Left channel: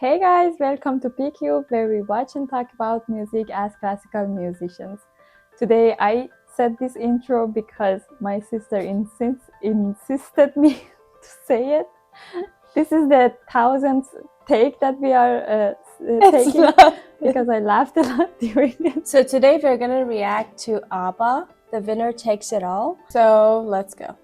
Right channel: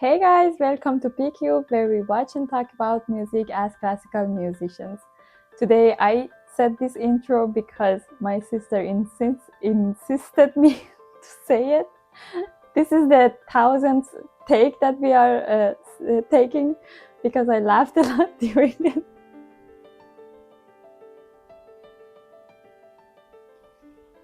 Hey guys, welcome to PCube, where we watch and talk about music as classical musicians. Today I said this intro because my sister insisted me to say it. This is the 1000th take that we are taking because I laughed a lot during it. So today we're gonna react to ABBA, The Winner Takes It All. So let's go.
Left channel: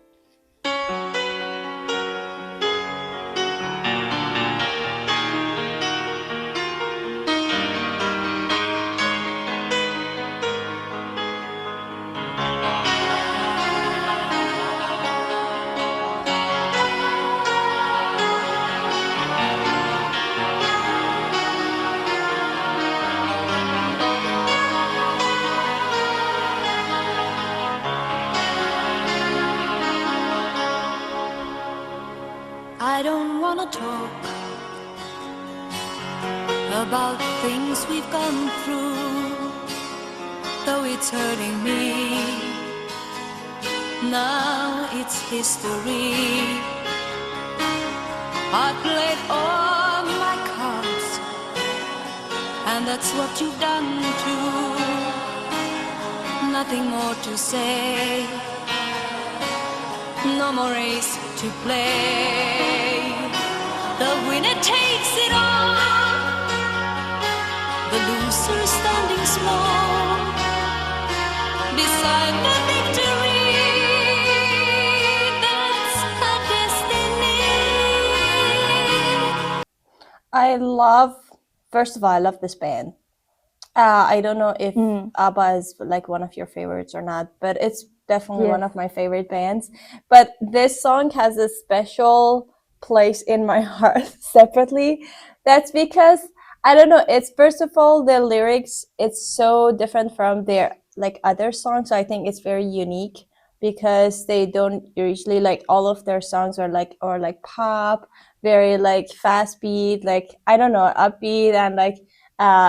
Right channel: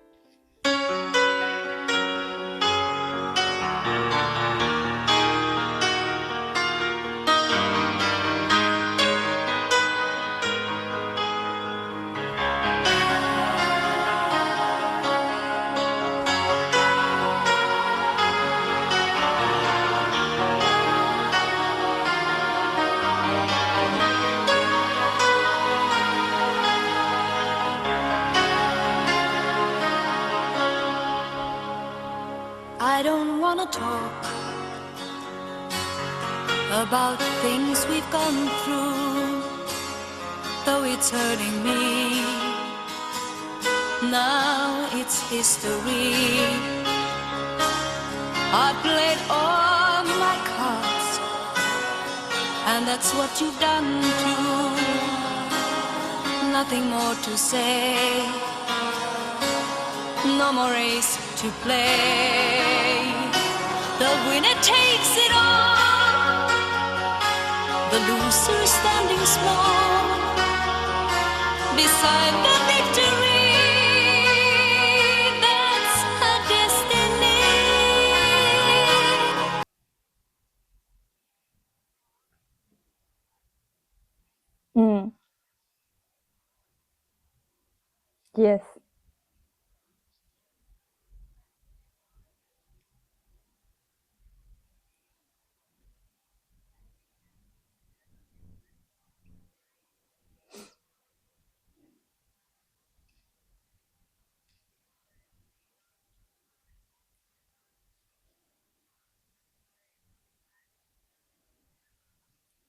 I don't wanna talk about things we've gone through, though it's hurting me. Now it's history. I played all my cards, and that's what you've done too. Nothing more to say, no more race to play. The winner takes it all, the loser is standing small beside the victory. That's her destiny. First of all, I love this band. I don't know if ABBA is like one of your favorites or not, but it's definitely one of my favorite bands. But this song has a special place in my heart separately. That's because, I don't know, it's first of all, the lyrics, it's so different from their like other songs. So I think it's very unique because they don't usually, like, all of their songs are like pop, very like fast beat, like, I don't know, upbeat, and like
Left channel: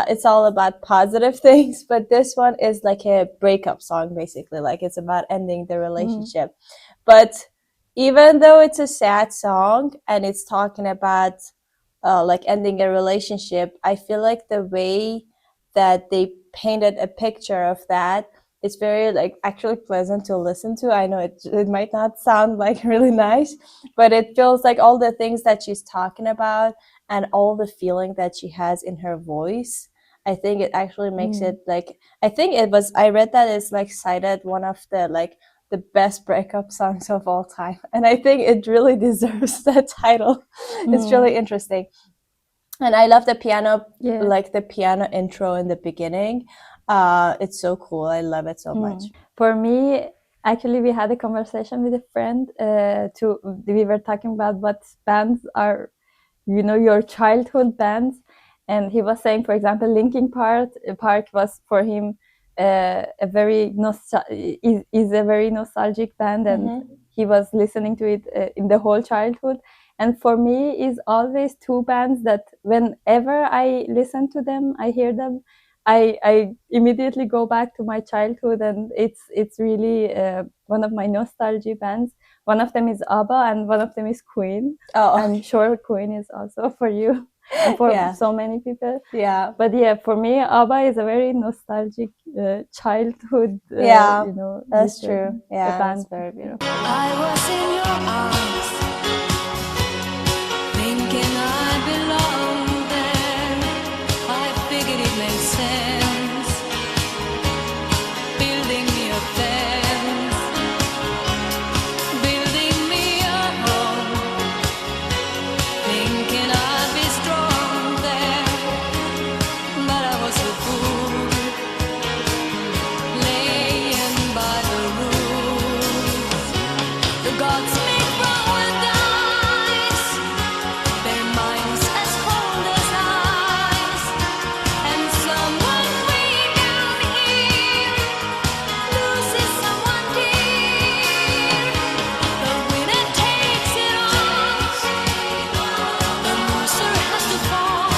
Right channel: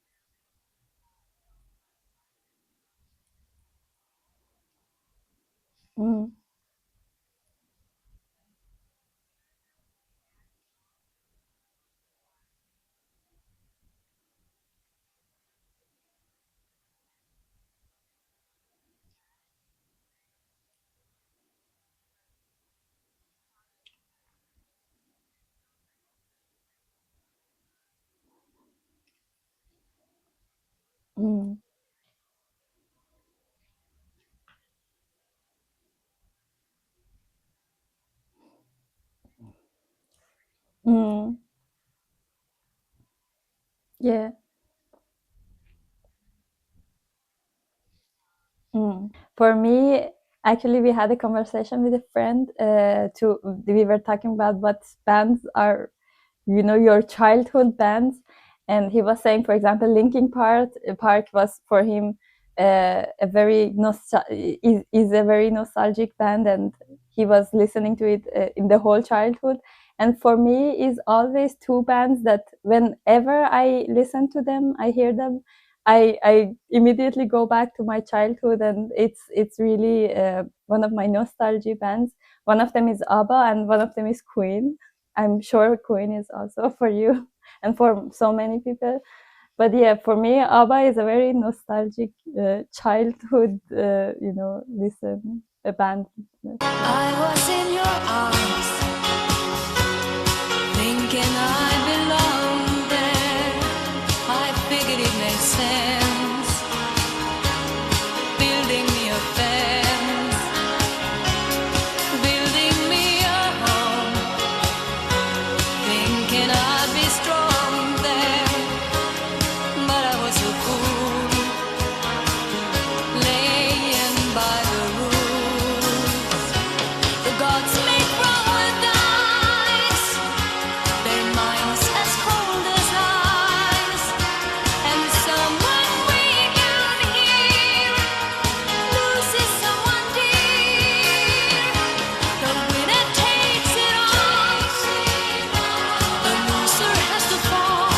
it's all about positive things. But this one is like a breakup song, basically, like it's about ending the relationship. But even though it's a sad song and it's talking about like ending a relationship, I feel like the way that they painted a picture of that is very like actually pleasant to listen to. I know it might not sound like really nice, but it feels like all the things that she's talking about and all the feeling that she has in her voice, I think it actually makes it like, I think I read that it's like cited one of the like the best breakup songs of all time, and I think it really deserves that title. It's really interesting. And I love the piano, like the piano intro in the beginning. It's so cool. I love it so much. For me, actually, we had a conversation with a friend. We were talking about what bands are, your childhood bands, and he was saying, for example, Linkin Park was for him a very is a very nostalgic band, and he was listening to it in the whole childhood. And for me, is always two bands that whenever I listen to them, I hear them, I immediately go back to my childhood, and it's really one of my nostalgia bands. One of them is ABBA and one of them is Queen. I'm sure Queen is also for you and for so many people. But yeah, for me, ABBA is a very nostalgic childhood, that's true. Yeah, band. that's very beautiful. I was in your arms, thinking I belonged there. I figured it made sense, building me a fence, building me a home, thinking I'd be strong there. But I was a fool, laying by the rules. The gods make wrong with dice, their minds as cold as ice, and someone way down here loses someone dear. The winner takes it all, the loser has to fall.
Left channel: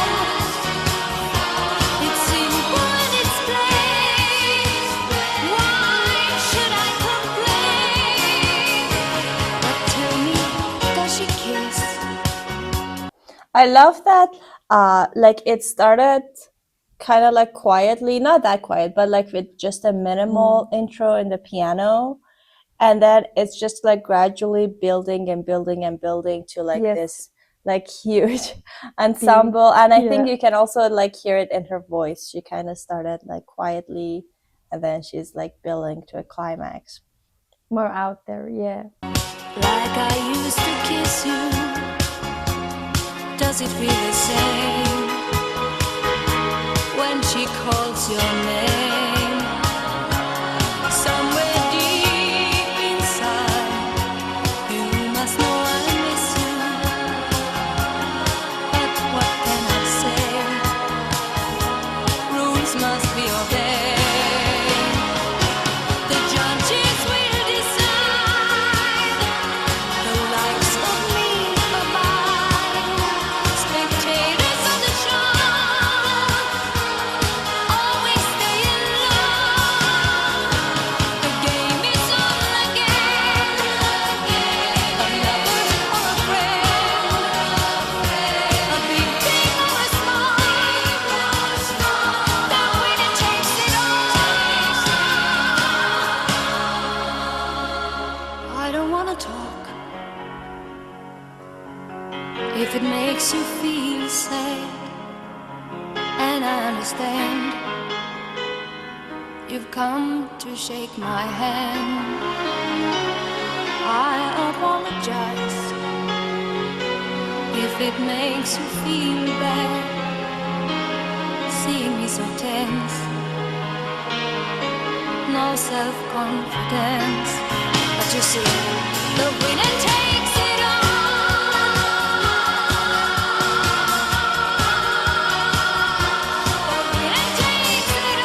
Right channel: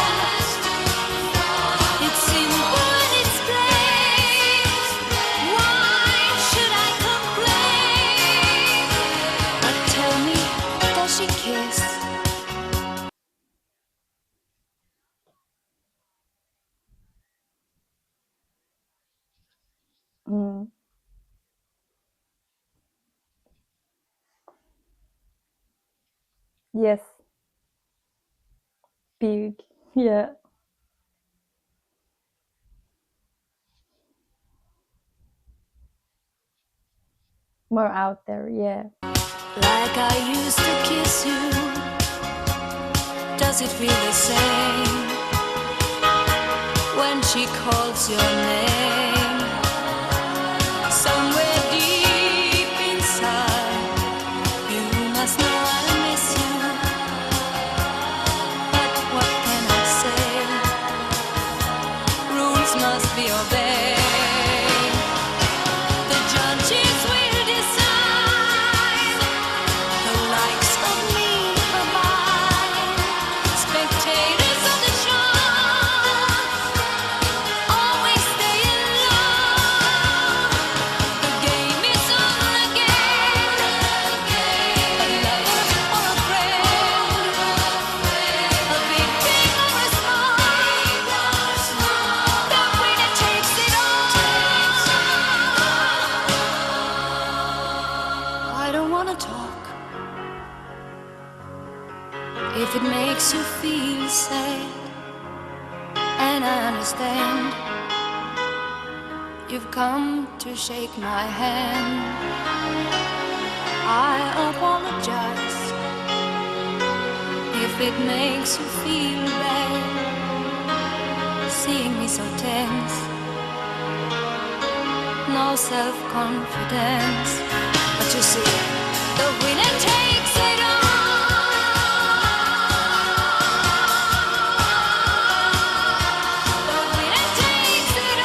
It's simple and it's plain. Why should I complain? But tell me, does she kiss? I love that like it started kind of like quietly, not that quiet, but like with just a minimal intro in the piano, and then it's just like gradually building and building and building to like this like huge ensemble. And I think you can also like hear it in her voice. She kind of started like quietly, and then she's like building to a climax. More out there, yeah. Like I used to kiss you, does it feel the same when she calls your name? Somewhere deep inside, you must know I miss you. But what can I say? Rules must be obeyed. The judges will decide the likes of me are mine. Spectators of the show always stay in love. The game is on again. A lover or a friend, a big thing or a small, the winner takes it all. I don't wanna talk if it makes you feel sad, and I understand. You've come to shake my hand. I apologize if it makes you feel bad, seeing me so tense, no self-confidence. But you see, the winner takes it all. The winner takes it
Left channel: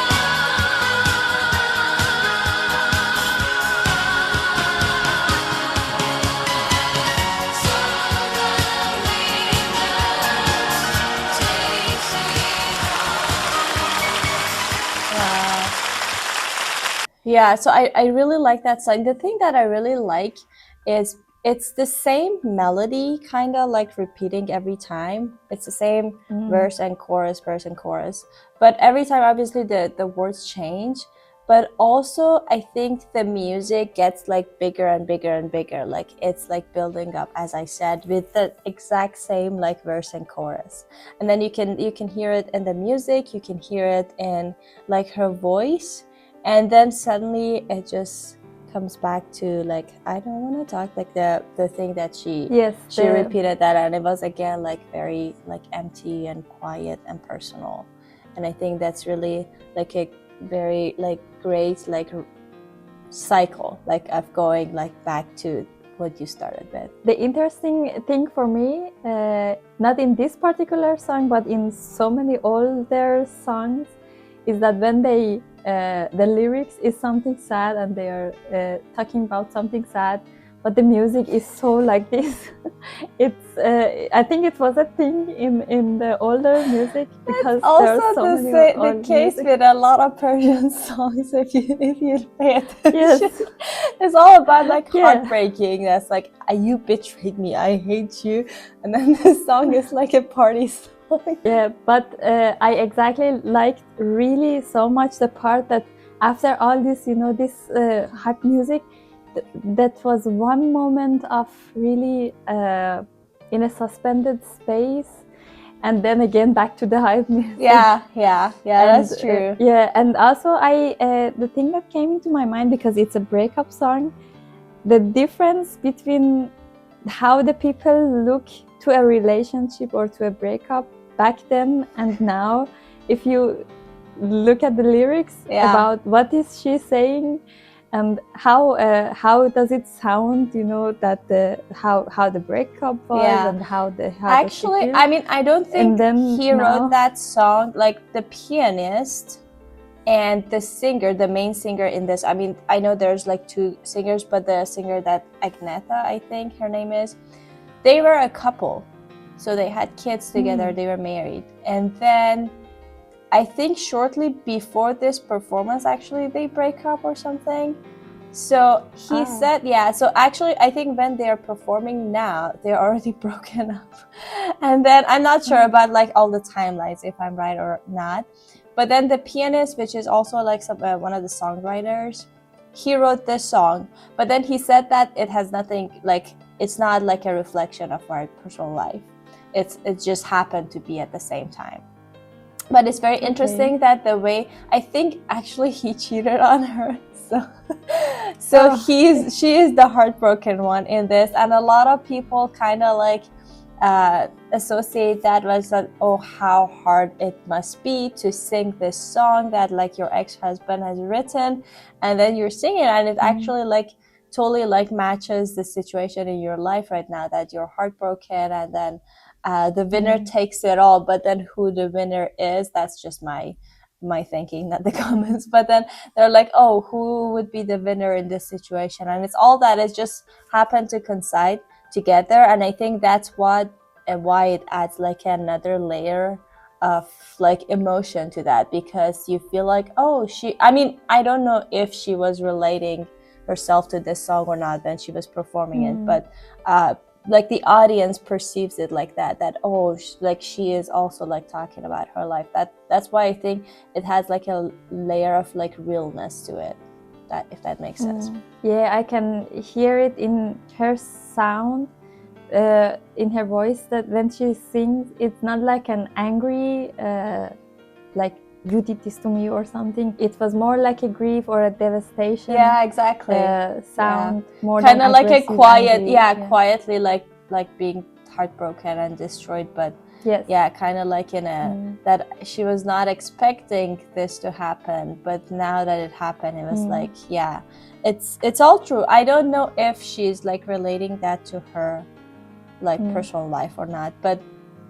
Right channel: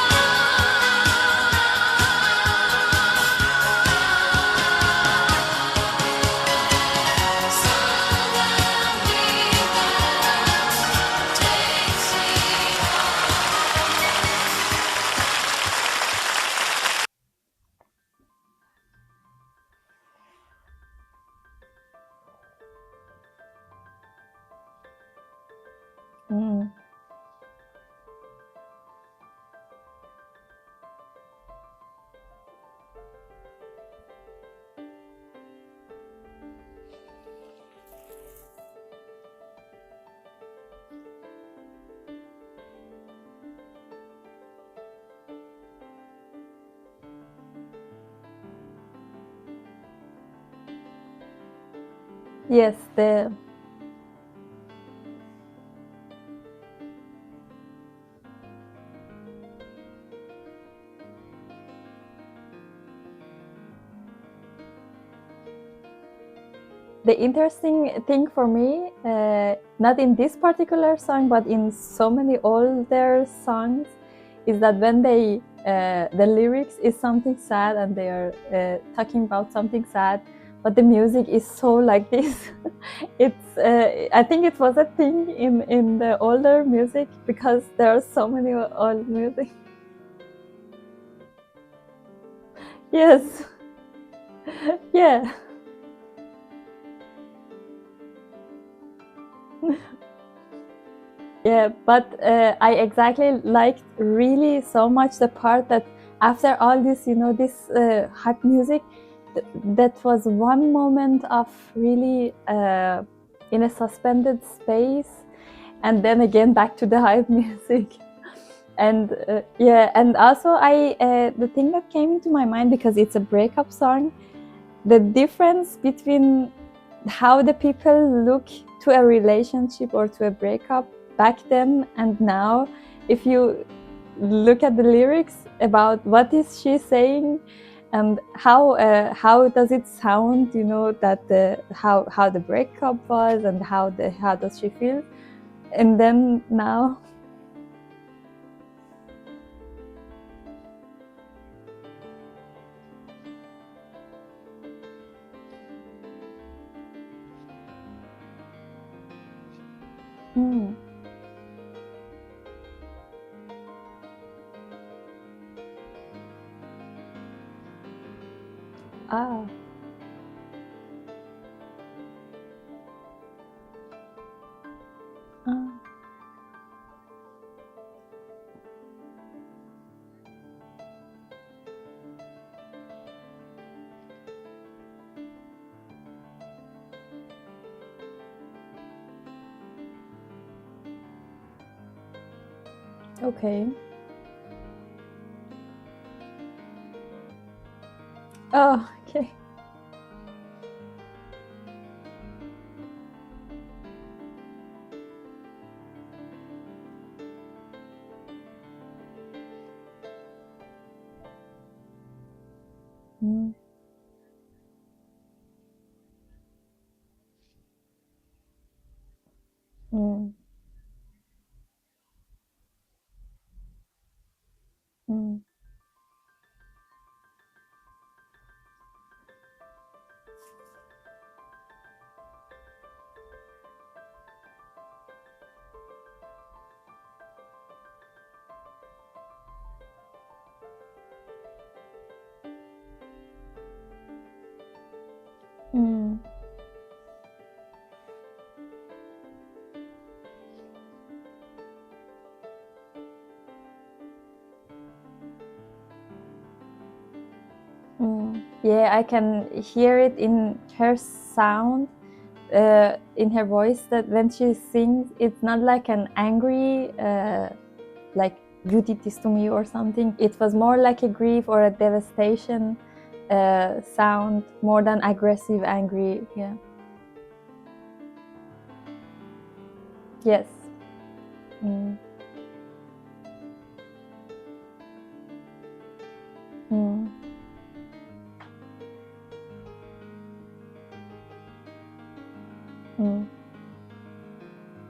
Yeah, so I really like that song. The thing that I really like is it's the same melody, kind of like repeating every time. It's the same verse and chorus, but every time obviously the words change. But also I think the music gets like bigger and bigger and bigger, like it's like building up, as I said, with the exact same like verse and chorus. And then you can hear it in the music, you can hear it in like her voice, and then suddenly it just comes back to like, I don't want to talk, like the thing that she repeated that, and it was again like very like empty and quiet and personal. And I think that's really like a very like great like cycle like of going like back to what you started with. The interesting thing for me, not in this particular song but in so many older songs, is that when they the lyrics is something sad and they are talking about something sad, but the music is so like this. It's I think it was a thing in the older music, because there are so many old case music. with a lot of Persian songs, if you pay attention. Yes. It's all about like heartbreaking. That's like, you betrayed me, I hate you, and then the song is like a party song. Yeah, but I exactly liked really so much the part that after all this, you know, this hype music, that was one moment of really in a suspended space, and then again back to the hype music. Yeah, and, that's true. Yeah, and also the thing that came into my mind, because it's a breakup song, the difference between how the people look to a relationship or to a breakup back then and now, if you look at the lyrics about what is she saying and how does it sound, you know, that how the breakup was and how actually does she feel? I mean, I don't think he wrote that song, like the pianist and the singer, the main singer in this. I mean, I know there's like two singers, but the singer that Agnetha, I think her name is, they were a couple, so they had kids together, they were married, and then I think shortly before this performance actually they break up or something. So he said, yeah, so actually I think when they're performing now, they're already broken up. And then I'm not sure about like all the timelines, if I'm right or not. But then the pianist, which is also like one of the songwriters, he wrote this song, but then he said that it has nothing, like, it's not like a reflection of our personal life. It just happened to be at the same time. But it's very interesting that the way, I think actually he cheated on her. So she is the heartbroken one in this, and a lot of people kind of like associate that with that, oh, how hard it must be to sing this song that like your ex-husband has written, and then you're singing, and it actually like totally like matches the situation in your life right now, that you're heartbroken, and then the winner takes it all. But then who the winner is, that's just my thinking, not the comments. But then they're like, oh, who would be the winner in this situation? And it's all that it just happened to coincide together. And I think that's what and why it adds like another layer of like emotion to that, because you feel like, oh, I mean, I don't know if she was relating herself to this song or not when she was performing it, but like the audience perceives it like that oh, like she is also like talking about her life. That's why I think it has like a layer of like realness to it, that if that makes sense. Yeah, I can hear it in her sound, in her voice, that when she sings, it's not like an angry like you did this to me or something. It was more like a grief or a devastation. Yeah, exactly. Sound more than kind of like a quiet, angry. Quietly like being heartbroken and destroyed, but yes, kind of like in a that she was not expecting this to happen, but now that it happened, it was like, yeah, it's all true. I don't know if she's like relating that to her like personal life or not, but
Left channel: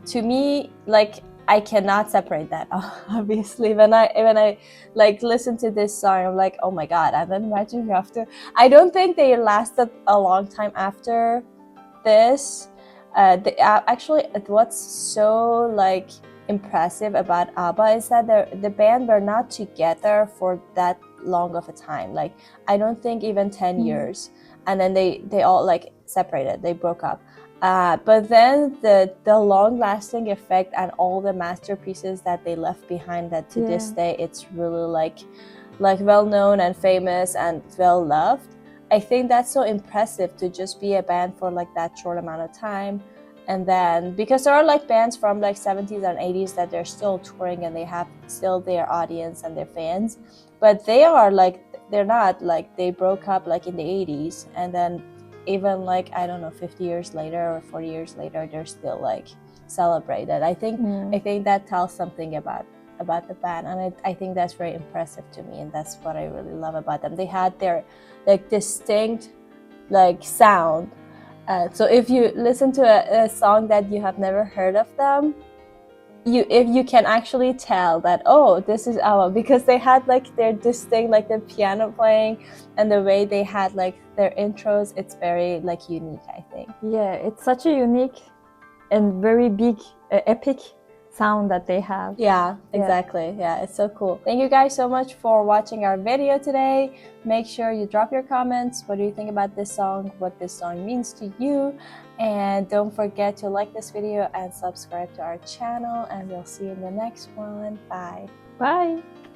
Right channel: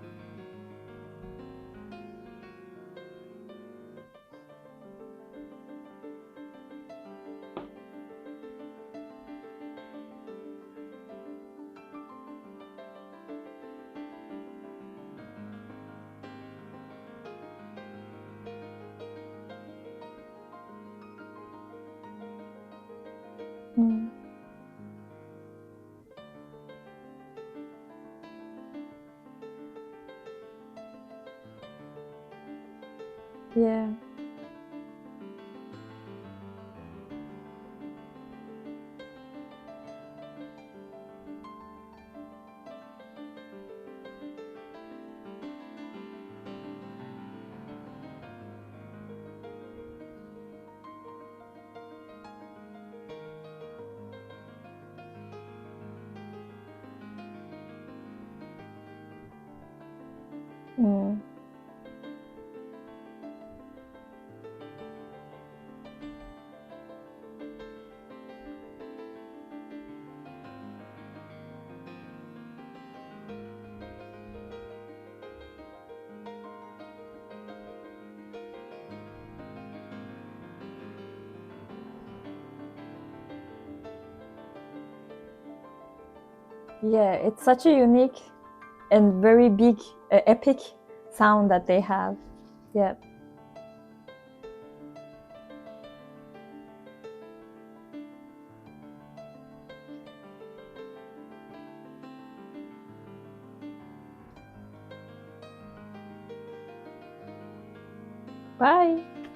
to me, like, I cannot separate that. Obviously, when I like listen to this song, I'm like, oh my god. And then imagine after, I don't think they lasted a long time after this. Actually, what's so like impressive about ABBA is that the band were not together for that long of a time. Like, I don't think even 10 years, and then they all like separated. They broke up. But then the long-lasting effect and all the masterpieces that they left behind, that to this day it's really like well known and famous and well loved. I think that's so impressive to just be a band for like that short amount of time. And then because there are like bands from like 70s and 80s that they're still touring and they have still their audience and their fans, but they are like, they're not like, they broke up like in the 80s, and then even like, I don't know, 50 years later or 40 years later, they're still like celebrated. I think that tells something about the band, and I think that's very impressive to me, and that's what I really love about them. They had their like distinct like sound. So if you listen to a song that you have never heard of them, if you can actually tell that, oh, this is ABBA, because they had like their distinct, like the piano playing and the way they had like their intros, it's very like unique, I think. Yeah, it's such a unique and very big epic sound that they have. Yeah, exactly. Yeah, it's so cool. Thank you guys so much for watching our video today. Make sure you drop your comments. What do you think about this song? What this song means to you? And don't forget to like this video and subscribe to our channel, and we'll see you in the next one. Bye. Bye.